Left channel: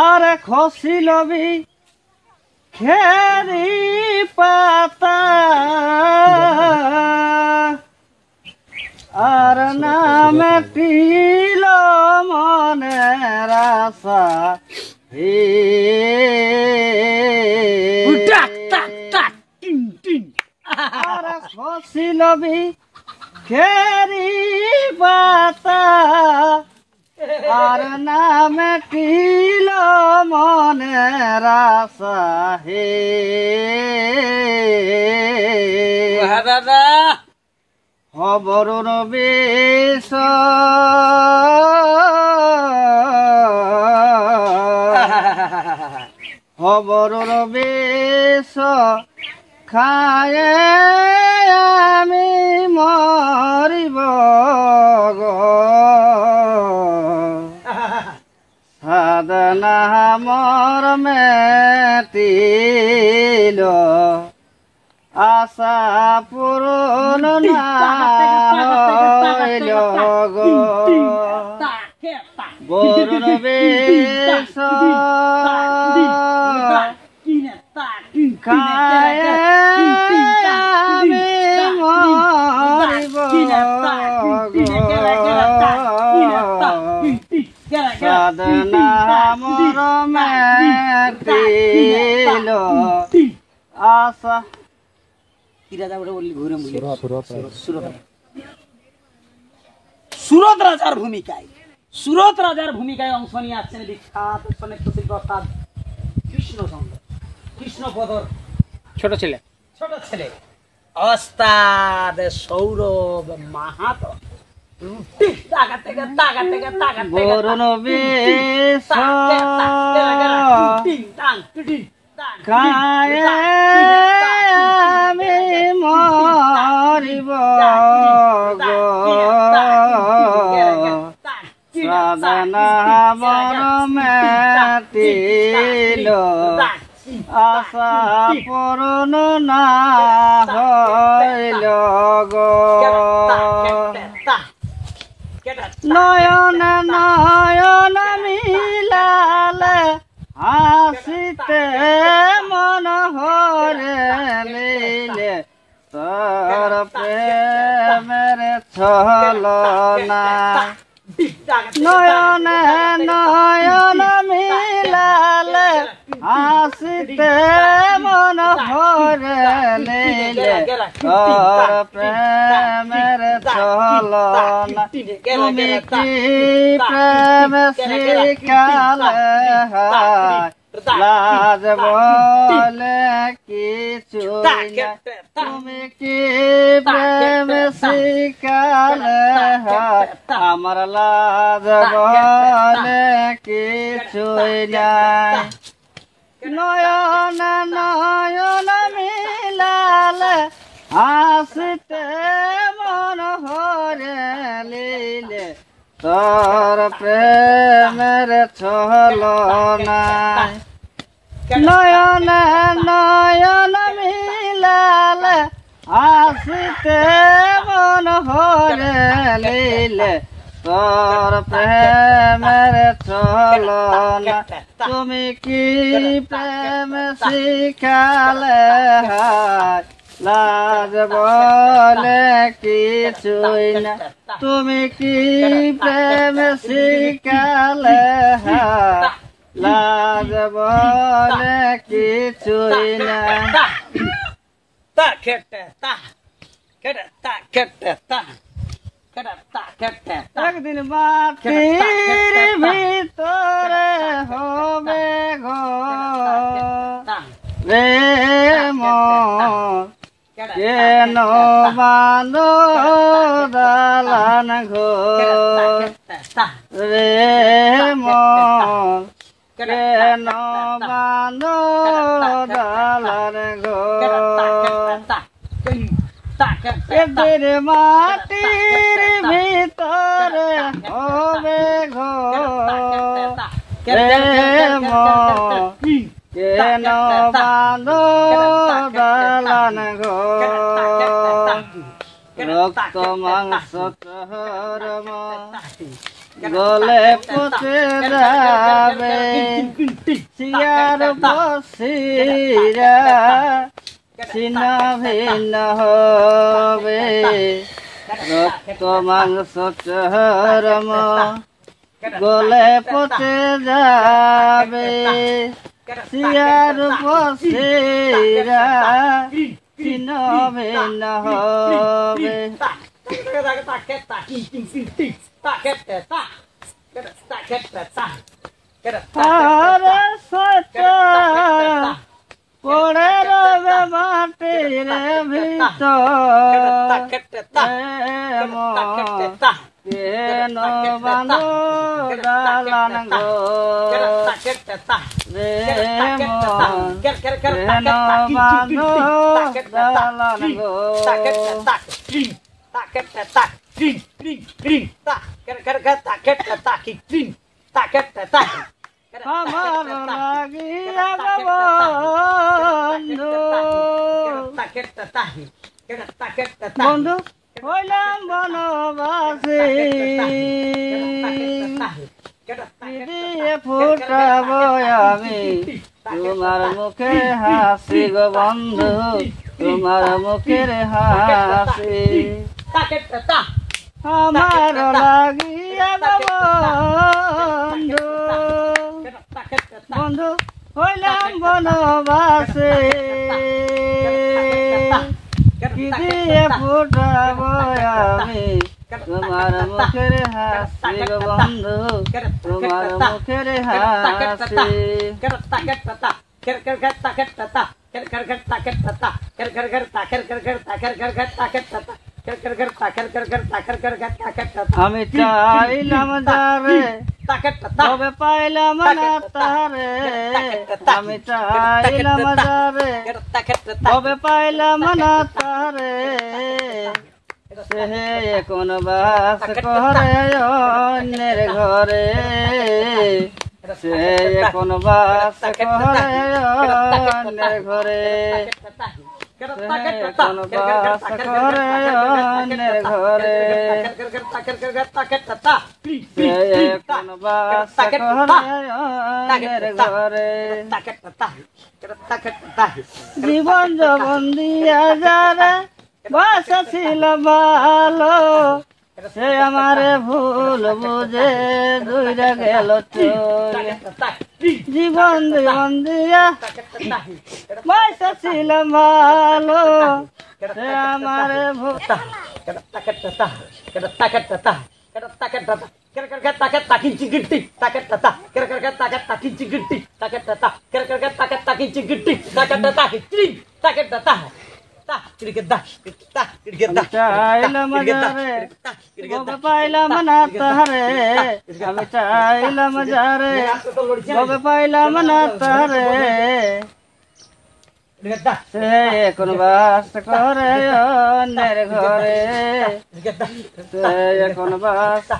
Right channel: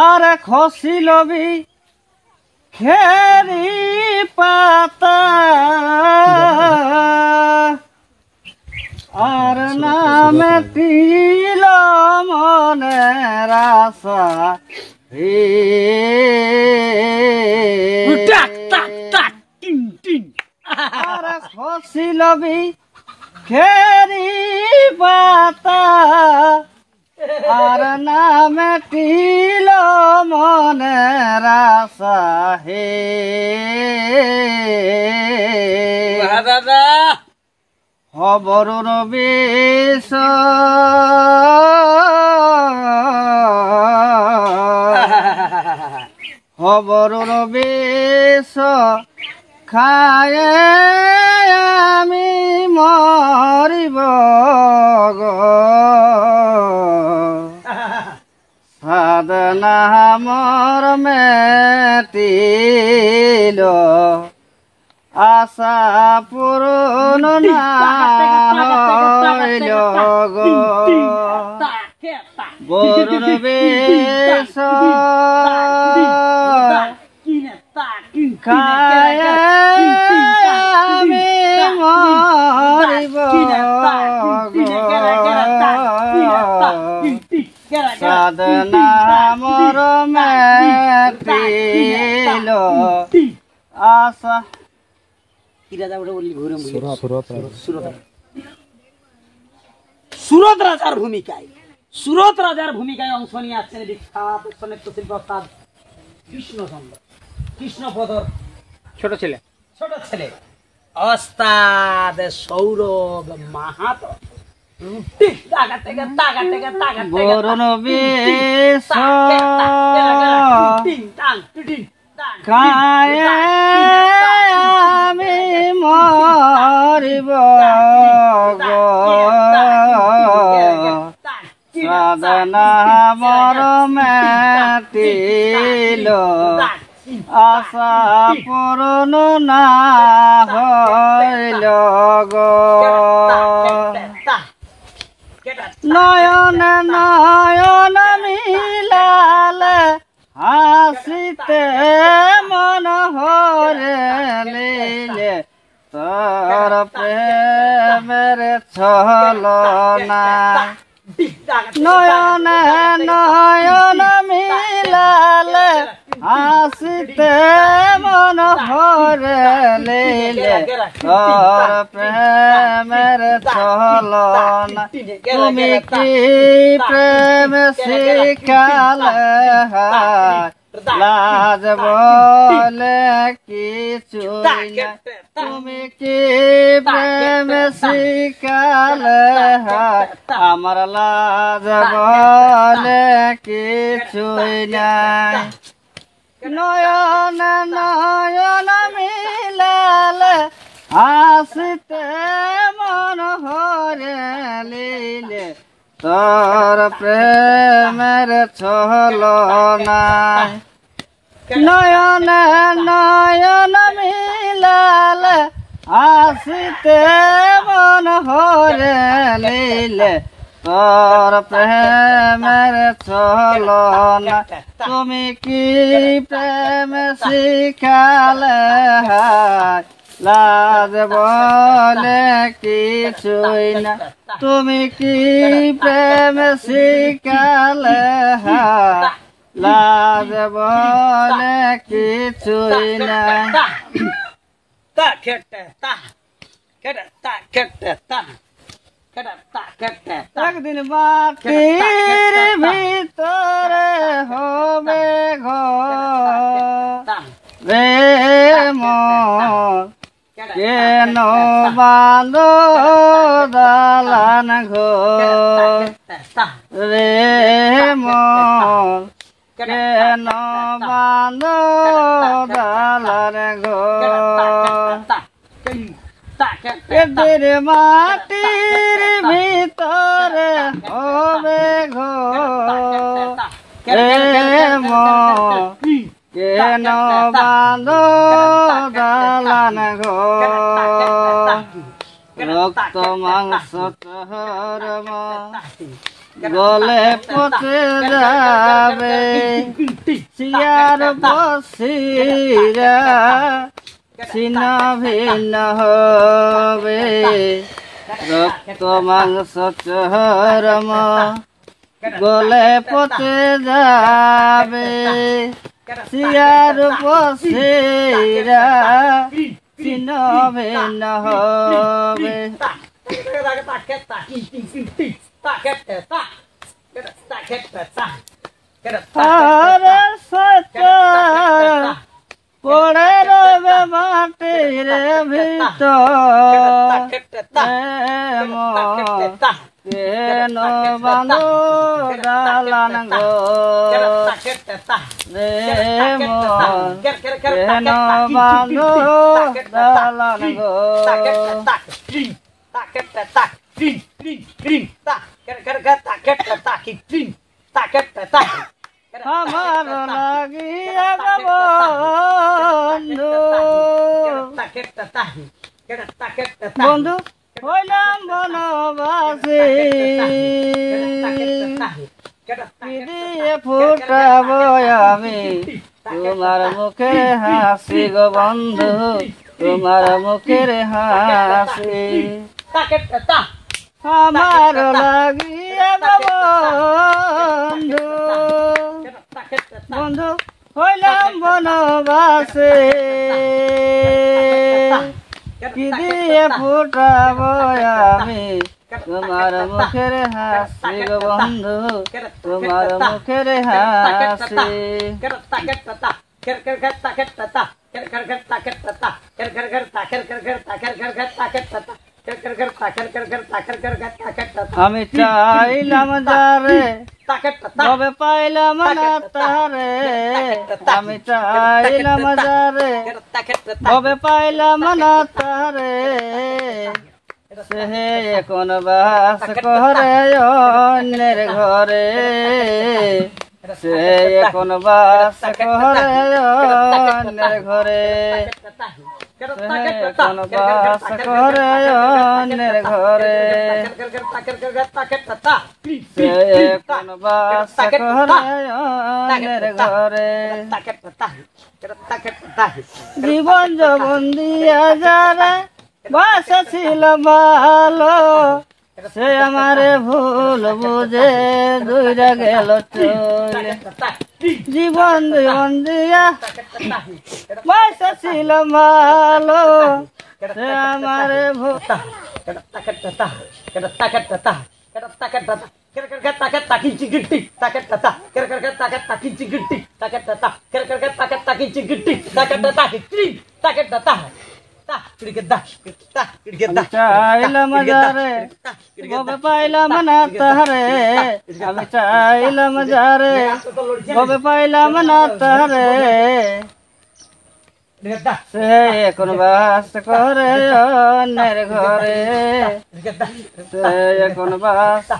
আরে খসিলবি খেরি পাতা আর নামে তিল মনের আশা আরে খসিলবি খেরি পাতা আর নামে তিল মনের আশা হে দাদা খবর বেশ খবর বেশ খায় আমি মরিব সাধনা মর মেটিল আশা পূরণ গরুর বেশ খায় আমি মরিব সাধনা মর মেটিল আশা সুরত রাজার ভূমিকায় অংশ নিয়ে আসছেন বিখ্যাত শিল্পী অর্থাৎ কৃষ্ণচন্দ্র কৃষ্ণপদর ছোট ছেলে ওস্তাদ সৌরভ মাহাতো আমি মরিব সাধনা মর মেটিল আশা পূরণ না হইল নয়ন নয়ন মিলালে হাসিতে মন হরে লীলে তোর প্রেমের ছলনা নয়ন নয়ন মিলালে হাসিতে মন ভরে লীলে তোর প্রেমের ছলনা তুমি কি প্রেম শিখালে লাজ বলে কিছু তুমি কি প্রেম শিখালে আমার লাজ বলে কিছু নাই নয়ন নয়ন মিলালে হাসিতে মন ভরে লীলে তোর প্রেমের ছলনা নয়ন নয়ন মিলালে হাসিতে মন ভরে লীলে তোর প্রেমের ছলনা তুমি কি প্রেম শিখালে লাজ বলে কিছুই না তুমি কি প্রেম শিখালে লাজ বলে কিছুই না একদিন মাটির ভিতরে হবে ঘর রে মন কেন বাঁধ দালান ঘর রে মন কেন বাঁধ দালান ঘর এদের মাটির ভিতরে হবে ঘর রে মন কেন বাঁধ দালান ঘর রক্ত মাংস তোর গলে পচে যাবে শিয়ার বসিরা ছিন্ন ভিন্ন হবে রক্ত মাংস চরম গলে পচে যাবে শিয়ার বসিরা ছিন্ন ভিন্ন হবে পড়ে রবে মাটির ভিতর কেন বাঁধো দালান গো রে কেন বাঁধো দালান গো আমার লাগিয়া বন্ধু বন্ধু হইলাম বনবাসী দিয়ে ফুটাবো আমি তোমার মুখের হাসি গো বন্ধু তোমার মুখের হাসি আমার লাগিয়া বন্ধু বন্ধু হইলাম বনবাসে কি দিয়ে ফুটাবো আমি তোমার মুখের হাসি গো বন্ধু তোমার মুখের হাসি আমি চাইলাম যারে তবে পাইলাম না তারে আমি চাইলাম যারে তবে পাইলাম না তারে সে কোন বাস করে অন্যের ঘরে সে কোন বাস করে অন্যের ঘরে কোন বাস করে অন্যের ঘরে সে কোন বাস করে অন্যের ঘরে জীবন যৌবন দিয়া যারা বাসা ছিল ভালো সে আমারে ভুল বুঝে দূরে গেল চলে জীবন জীবন দিয়া বাসা ছিল ভালো সে আমারে ভুল চাইলাম যারে ববে পাইলাম না তারে আমি চাইলাম যারে ববে পাইলাম না তারে সে কোন বাস করে অন্যের ঘরে সে কোন বাস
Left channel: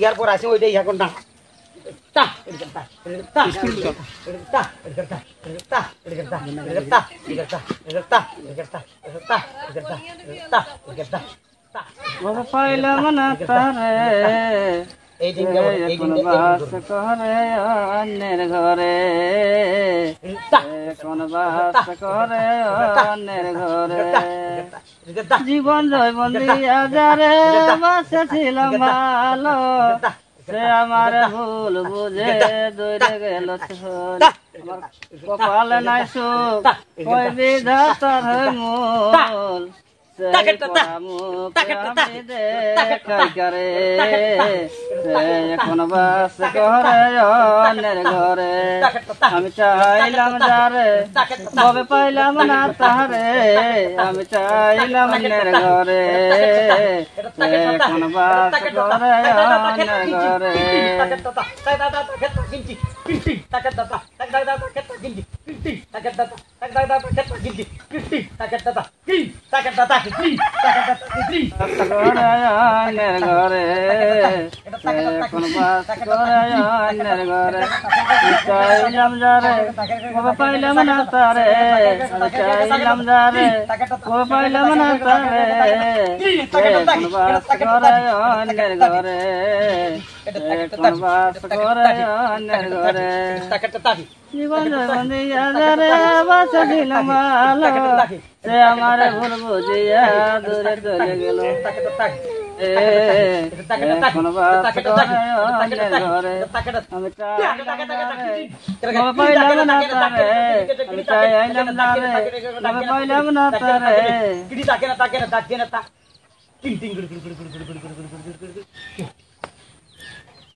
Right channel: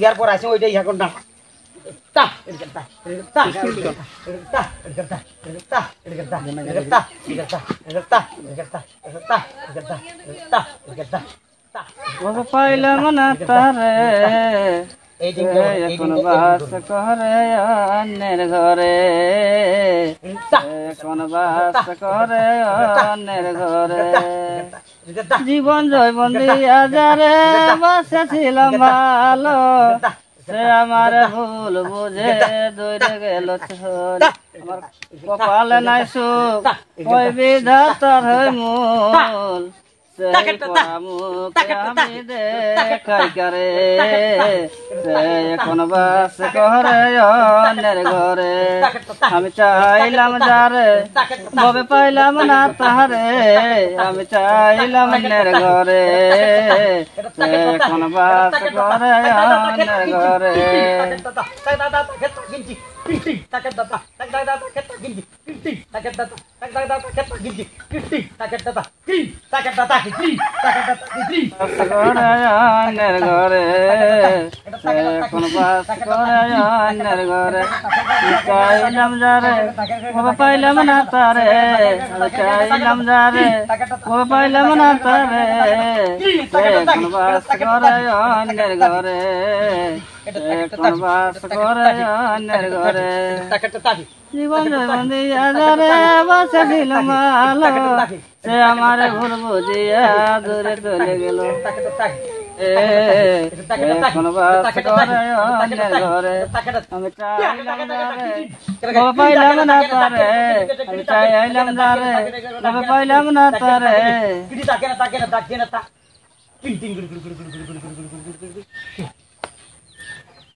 এরপর আছে ওইটাই এখন না পাইলাম না তারে কোন বাস করে অন্যের ঘরে কোন বাস করে অন্যের ঘরে জীবন জৈবন দিয়া যারে বসেছিলাম ভালো সে আমার ভুল বুঝে দৌড়ে গেল কপালে নাই সুখ ওই বিধাতার মূল দেখাই করে কোন বাস করে অন্যের ঘরে আমি চাইলাম যারে ববে পাইলাম না তাহারে আমি চাইলাম অন্যের ঘরে কোন বাস করে অন্যের ঘরে অন্যের ঘরে এখন বাস করে অন্যের ঘরে চাইলাম যারে ও পাইলাম না তারে চাইলাম যারে ও পাইলাম না তারে এখন বাস করে অন্যের ঘরে এখন বাস করে অন্যের ঘরে জীবনের বন্দিয়া যারে বাঁচাছিলাম ভালো সে আমার ভুল বুঝিয়া দূরে চলে গেল এখন বাস করে অন্যের ঘরে আমি পাইলাম না তারে আমি চাইলাম তারে আমি পাইলাম না তারে